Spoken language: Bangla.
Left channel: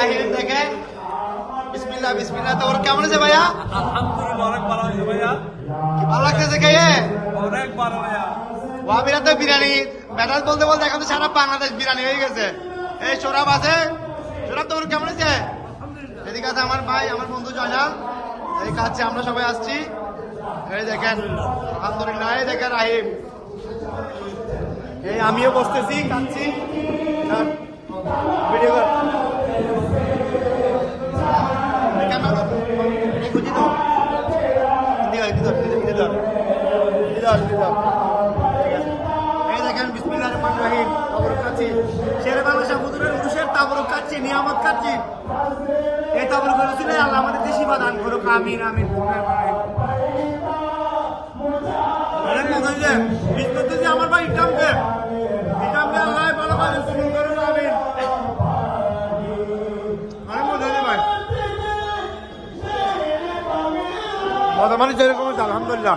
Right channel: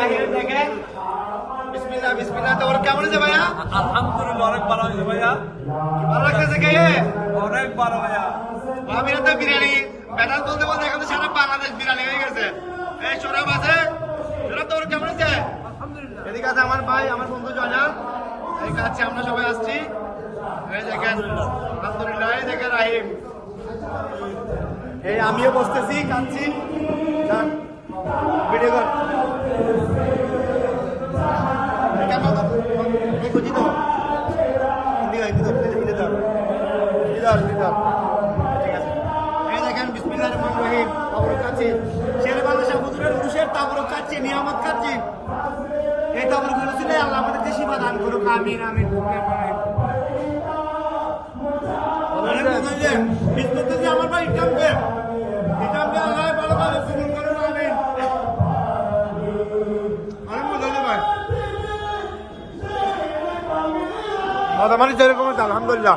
রাহিম দেখেন বিসমিল্লাহ বিসমিল্লাহ। তো ওর কেমন আছে ভাইয়া? আলহামদুলিল্লাহ অনেক ভালো হয়েছে ভাইয়া, ভালো লাগতেছে খেয়ে? অনেক ভালো ভাইয়া। ভাবিরা তো বিরিয়ানি ব্যাটাল বলতে বলতে এখন তো সারা বাংলাদেশ বিরিয়ানি হয়ে গেছে। এই সোরাব আছে, সোরাব তো ওর কেমন আছে? আলহামদুলিল্লাহ। এদিকে আছে আমার ভাই, আমার বন্ধু জয়নাল, এই খাচ্ছি, আমরা সবাই আসছি। এই দেখেন আলহামদুলিল্লাহ, এই দেখেন রাহিম, এই আমিও বসতেছি খাচ্ছি। ভিডিও কর ক্যামেরা তো এই বুঝি তো এই দেখেন বিসমিল্লাহির রহমানির রহিম। তাবরুক খাচ্ছি, শেরে বাংলা হুজুরের উরুষের তাবরুক খাচ্ছি, নিয়ামত খাচ্ছি। এই তাবরুক হয়েছিল আল্লাহ আমাদের দেশি বা দান করুক, আমিন আমিন। অনেক মজা হয়েছে, মিস করতেছি আমার ভাই ইটামকে আল্লাহ ভালো কাজে কবুল করুন, আমিন। অনেক মজা হয়েছে ভাই, মজা মানে যেরকম হচ্ছে আলহামদুলিল্লাহ।